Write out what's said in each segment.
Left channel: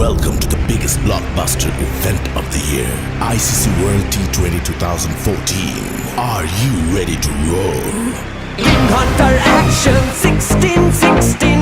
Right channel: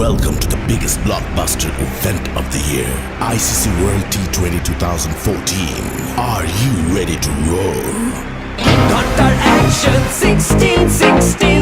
Welcome to the biggest blockbuster event of the year, ICC World T20 2014. Are you ready to roll? Got our action 1616.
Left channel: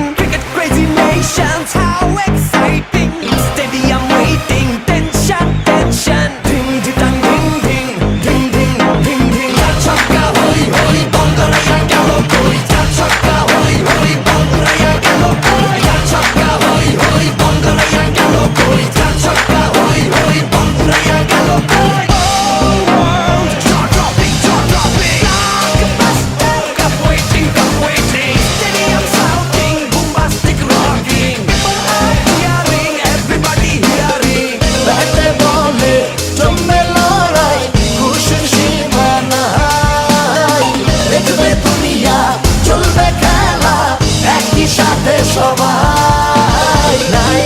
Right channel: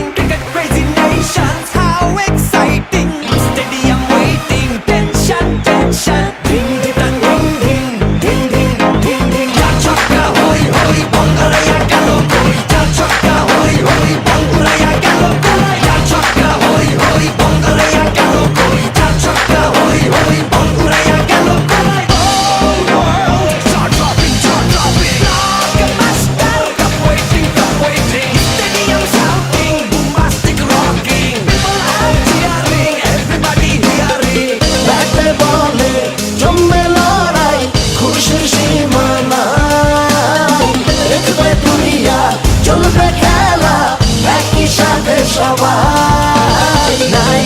সবাই। নাই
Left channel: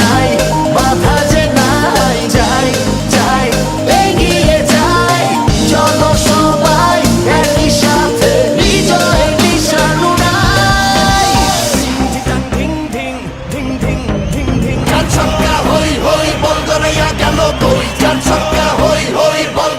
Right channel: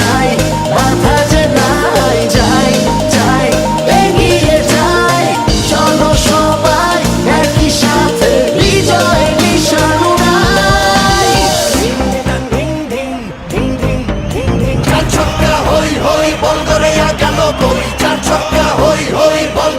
নাই মাথা যে নাই, যাই যাই চলো সবাই একই সাথে, বিজয় নিশান উড়াই ঢিং ঢিং ঢিং ঢিং ঢিং ঢিং চার ছক্কা হই হই, বল করে গেল কই? চার ছক্কা হই হই, বল